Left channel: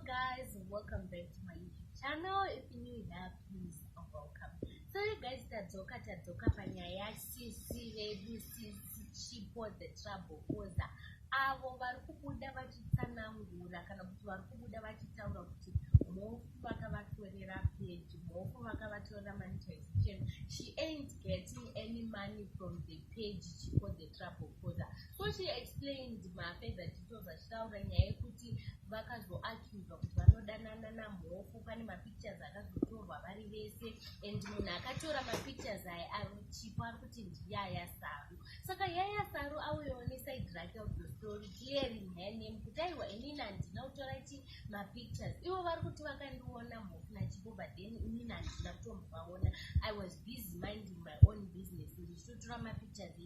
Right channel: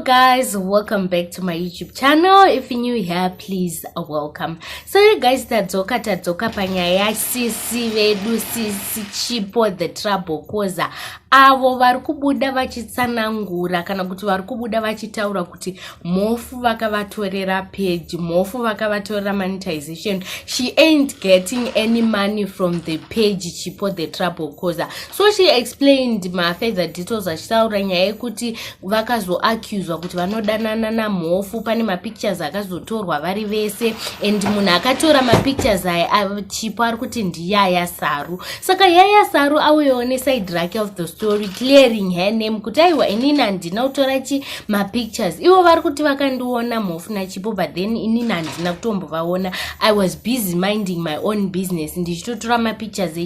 guys, welcome back to my YouTube channel. If you're new here, please welcome. So you guys, tadzoka panyaya sisi vedu sisi chipo the trouble koza avo vari kubuda vachitsanangura kana kuti vari kubuda vachitaura kuti mofu vakavatorera page, mofu vakavatorera monetization. She ain't getting any money from the page chipo the trouble koza. So she explained my further details achitaura nyaya yekuti vakazoaccuswa kuti vanodanana namofu. Pane mapictures akazotorwa vari vese and munhu akatora mapictures aya chipo ari kuti ndiyaya Saru. Saka Yaya Saru auyewo neside rake of the story, clearing her name kuti aiwa inini handina kutora mapictures. Ivo vari kuti vakandiona mofu nachipo, but then inini handina kutombovaona. I was busy minding my own business ndichitotora mapictures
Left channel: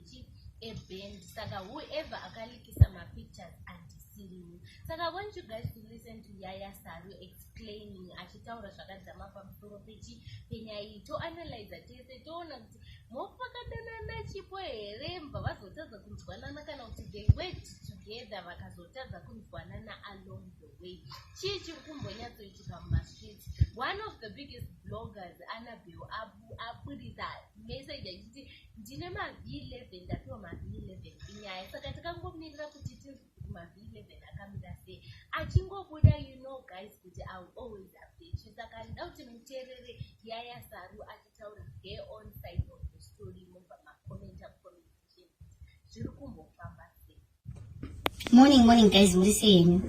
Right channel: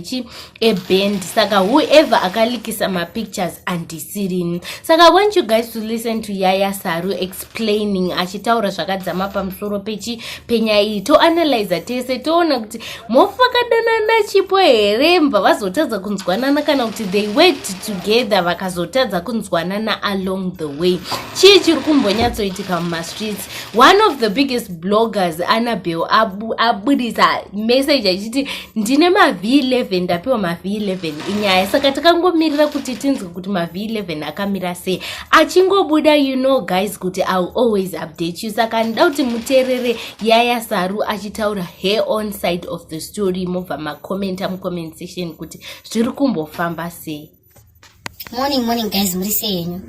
eband. Saka whoever akalikisa mapictures handisirini. Saka I want you guys to listen to Yaya Saru explaining achitaura zvakadzama pamusoro penyaya iyi. Toanalyze tese toona kuti mofu vakadanana chipo here mbva vazotadza kunzwanana kana kuti they worked together vakazotadza kunzwanana along the way. Chii chiri kumbonyatsoitika mumastreets. One of the biggest bloggers, Annabelle, abudisa message achiti ndine maV11 ndapiwa maV11 inyaya. Saka takangomirira kuti tinzwe kuti maV11 akamira sei. Achingobuda, you know guys, kuti I'll always update you. Saka ndida kuti muteerere Yaya Saru achitaura her own side of the story. Mobva makomenta mucomment section kuti zviri kumbofamba sei. Morning guys, muri sei henyu?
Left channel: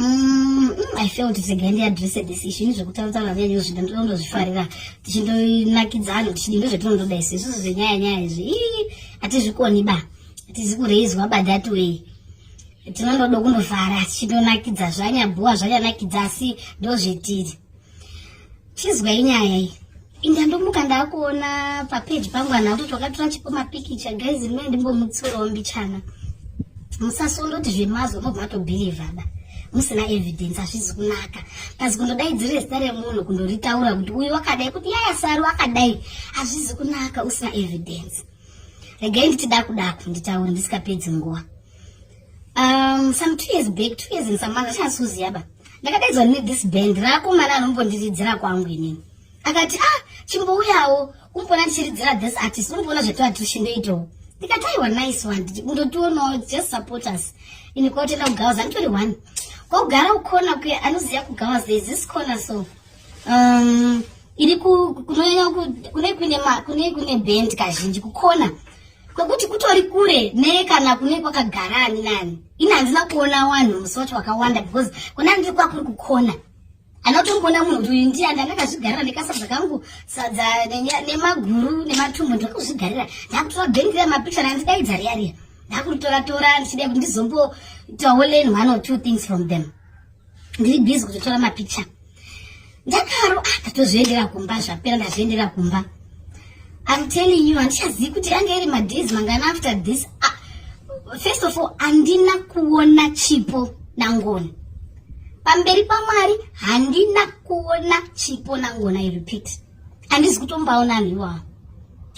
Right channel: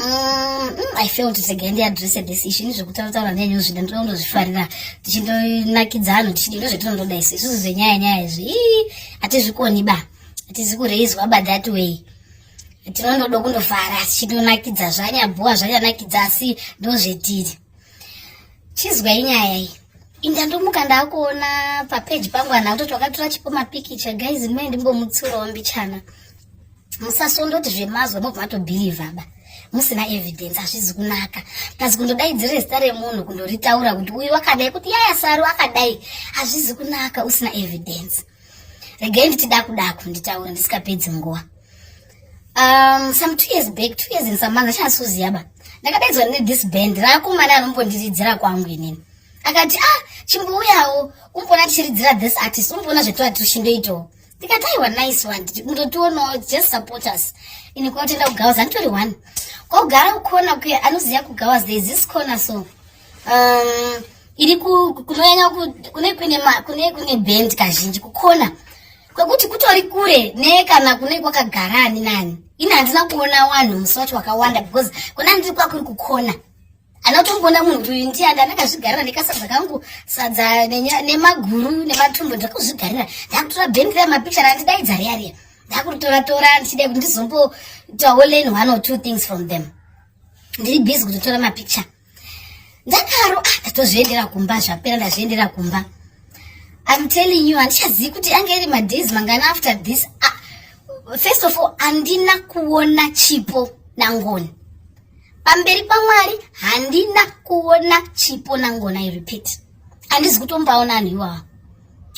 I feel kuti again address this issue nezvekutaura nenyu zvindandozvifarira tichindonakidza anhu tichindozvetinondoda isusu zvenyaya izvi hatizvikoni hatizi kureizwa ba that way. Tinondoda kundofara tichindonakidza zvanyabhuwa zvanyanakidza asi ndozvetiri. Chizwa inyaya iyi indandomuka ndakuona papage pangu ana kutoti wakatora chipo mapikicha guys, rimwe ndimbomutsurawo mbichana. Musasondoti zvemazwa mobva matobhiliva musina evidence, hazvizi kunaka. Kazi kundodaidzire zita remunhu kundoritaura kuti uyu wakadai kuti Yaya Saru akadai, hazvizi kunaka usina evidence. Regai nditi daku nditaura ndisikapedzi nguva. Some 2 years back, 2 years and some months, achasuziya ndakadaidzwa this band rakomana anombondiridzira kwangu inini. Akati chimbouyawo umbona tichiridzira this artist, umbona zvetora tichindoitawo. Ndikati aiwa nice one, mundotionawo, just support us. Ini kwatenda kuGawazi anditori one. Kwakugara ukona anoziya kuGawazi, there is this corner so iri kunoenya kune band kazhinji kukona kwekuti kutori kure nekana kune kwakagara ani nani. Ini handina kuona wanhu musi wacho wakawanda because kuna ndiri kwakuri kukona. Anotombona munhu kuti uyu ndiye ndakazvigarira ndikasadza kangu sadza nemaguru nematumbu ndakuzvigarira. Ndakutora band ramapicture randidaidza riya ndakutora ndichida kuti ndizomboitawo learn 1 or 2 things from them. Ndiri busy kutotora mapicture. Ndakaro ndatozviendera kumba zvapera ndazviendera kumba. I'm telling you, handichazivi kuti anga iri madays mangana after this. First of all, handina kuona chipo nangoni. Pamberi paMwari handina kuona chipo nangona, I repeat. Handisi kutombaona anhu iwawa.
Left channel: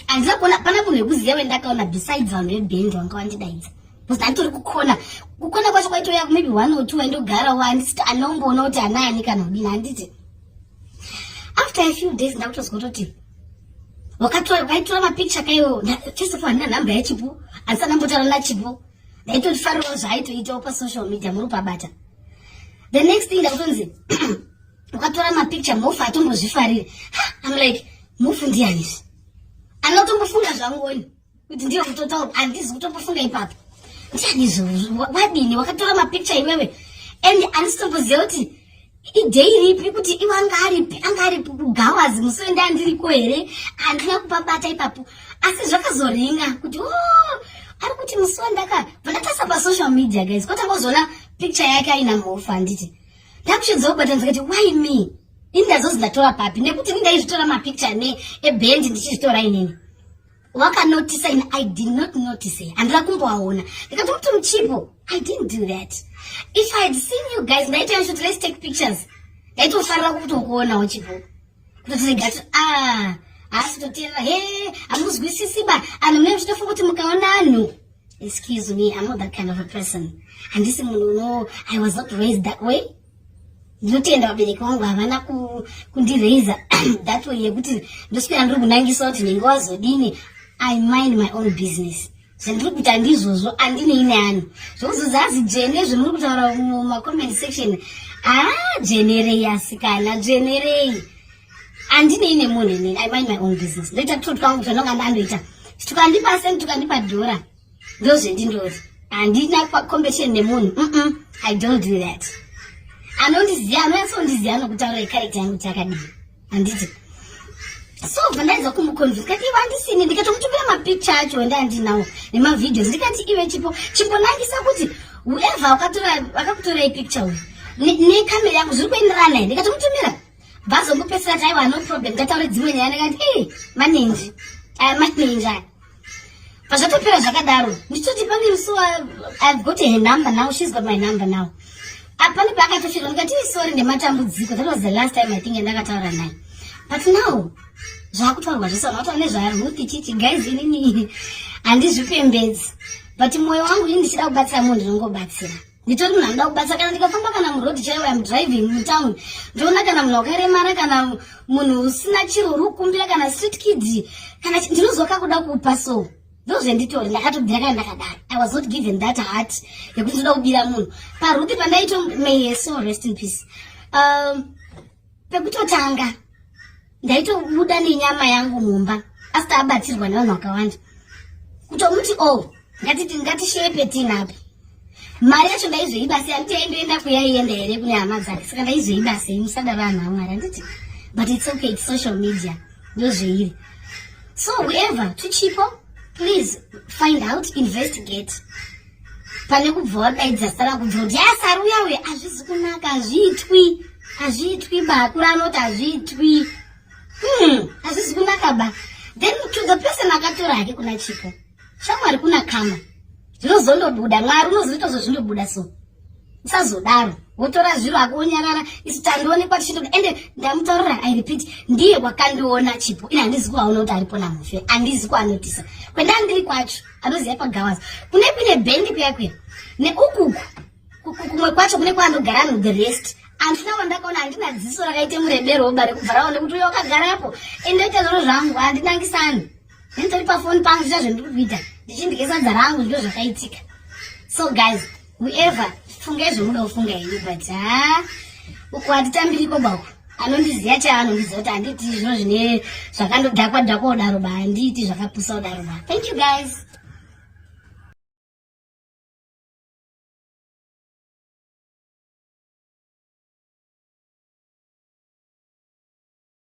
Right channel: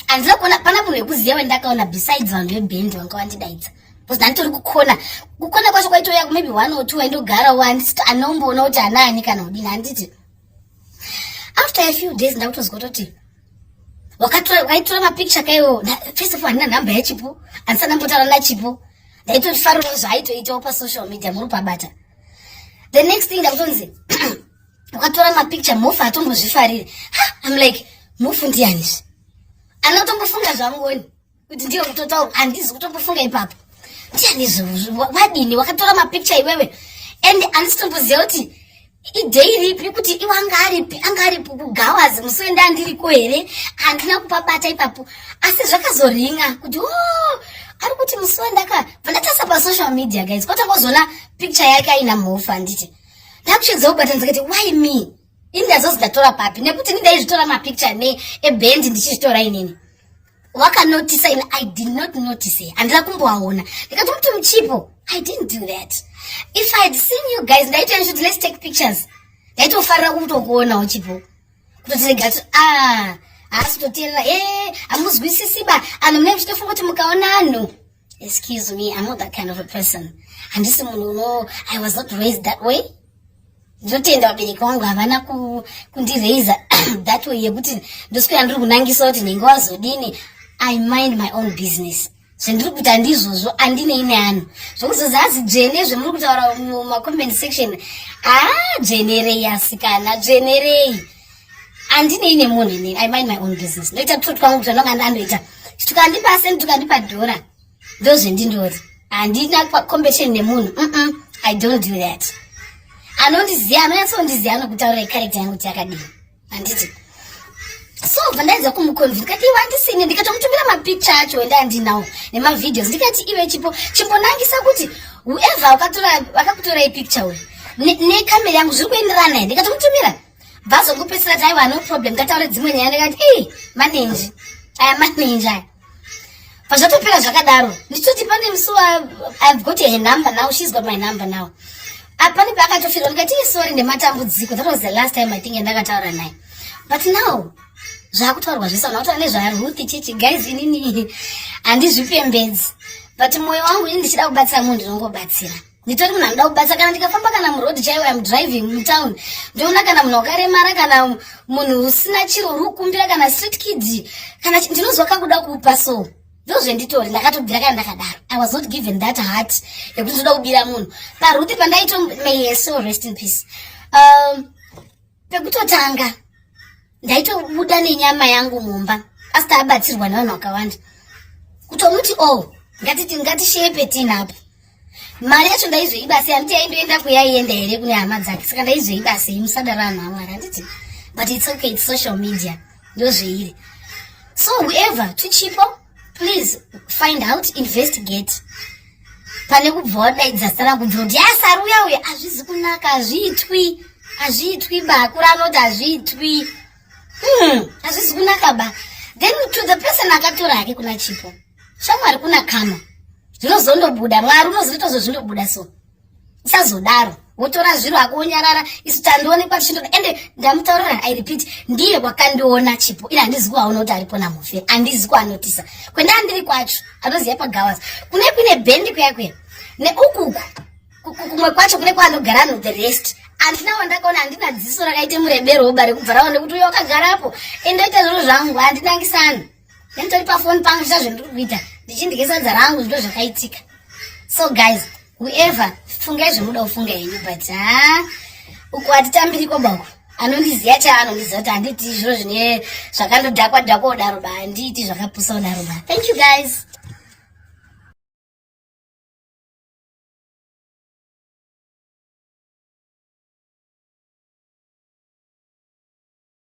Handina kuona pana munhu wekuziya wendakaona besides vanhu veband vanga vandidaidza. Because ndanditori kukona kwacho kwaitoya maybe 1 or 2 waindogarawo handisiti anomboona kuti hanaani kana kudini handiti. After a few days ndakutozwa kuti wakaitora mapicture kaiwo. First of all, handina nhamba yachipo, handisati ndambotaura nachipo. Ndaitofarirawo zvaaitoitawo pasocial media muri pabata. The next thing ndakutonzi wakatora mapicture mofu atombozvifarire. I'm like, mofu ndianizvi? Anotombofunga zvamngoni kuti ndiyo kutotaura, handizi kutombofunga ipapo. Ndianizvi wadini wakatora mapicture iwewe and handisitomboziva kuti idei ripi kuti iwe anga aripi kuGawazi musi wendandiriko here. Handina kupabata ipapo asi zvakazoringa kuti ari kuti musi vandatasa pasocial media guys kwatangozoona picture yake aina mofu handiti. Ndakusvitsa kubata ndikati why me? Ini ndazozi ndatora papi nekuti ndaizvitora mapicture eband ndichizvitora inini. Wakanotisa ini I did not notice. Handina kumboaona. Ndikati muti muchipo. I didn't do that. If I had seen you guys ndaitoya kuti let's take pictures. Ndaitofarira kutokuonawo chipo. Kutotirega asi kutoteerera hamuzwisisi anhu munenge muchitofunga kuti mukaona anhu. Excuse me, I'm not that kind of a person. Handisi munhu I was not raised that way. ndinotenda vabereki vangu havana kundireiza that way yekuti ndoswera ndiri kunangisa kuti nenge wazodini. I mind my own business. Zvendiri kuita ndizvozvo andinei neanhu zvokuzozazi dzvene zvemuri kutaura mumacomment section. Dzvenerei asikana, dzvenerei. Andinei nemunhu inini. I mind my own business. Ndoita tutu twangu kuti ndonga ndandoita tukandipa senti tukandipa dhora ndozvendindori. Handina competition nemunhu. I don't do that. Anondiziva anonyatsokundiziva anokutaura character yangu kuti yakadini handiti. So pandaidza kumuconvince kati iwe handisini, ndikatomutumira mapicture acho endandinawo nemavideos ndikati iwe chimbonangisa kuti whoever akakutora ipicture uyu nekamera yangu zviri kuenderana naye. Ndikatomutumira bvazongopedzisira kuti aiwa no problem. Ndataura dzimwe nyaya ndikati manenji aya manenji aya. Pazvatopera zvakadaro ndichitoti pane musuwa I've got her number now, she's got my number now. Apani paakatofirwa ndikati sorry ndematambudziko. That was the last time I think ndakataura naye. But now zvakutaurwa zvese unakuta nezvaRuth chichi guys inini handizvipembedzi. But mwoyo wangu ini ndichida kubatsira munhu ndinongobatsira. Nditori munhu anoda kubatsira kana ndikafamba kana muroad chaiwo I'm driving mutown ndoona kana munhu wakaremara kana munhu usina chiro uri kukumbira kana street kids kana ndinozwa kakuda kupa so ndozvenditori ndakatobvira kana ndakadaro. I was not given that heart yekuti ndoda kubira munhu. PaRuth pandaito may her soul rest in peace. Pekutotanga ndaitobuda nenyama yangu mumba asita abatsirwa navanhu vakawanda kutomuti ngatishepe tinapo mari yacho ndaizoiba sei handiti yaindoenda kuyaienda here kune hama dzake saka ndaizoiba sei musadaro vanhu vamwari handiti. But it's okay, it's social media ndozveiri. So whoever tuchipo please find out, investigate. Pane kubva wadaidza zita rangu kubvira kuti yasari uya hazvizi kunaka, hazviitwi bakuru anoti hazviitwi. Hazvizi kunaka ba. Then to the person akatora hake kuna chipo shamwari kuna kama zvinozondobuda mwari unozotozozvindobuda so isazodaro wotora zviro hako wonyarara isu tandionekwa tichindo ende ndamutaurira I repeat ndiye wakandiona chipo ina handizi kuaona kuti aripo namuferi handizi kuanotisa kwendandiri kwacho anoziva pagawazi kune kuine bhendi kuyakweya neukuku kumwe kwacho kune kwaanogara no the rest. Andina wandakaona handina dziso rakaite murebero wobare kubva raone kuti uyo wakagarapo endoita zviro zvangu handinangisani nenditori pafoni pangu zvita zvendiri kuita ndichindike sadza rangu zvino zvakaitika. So guys whoever fungai zvemuda kufunga henyu but uku hatitambiri kwabako anondiziva chaanondiziva kuti handiti zviro zvine zvakandodhakwa kudaro ba handiti zvakapusa kudaro ba. Thank you guys.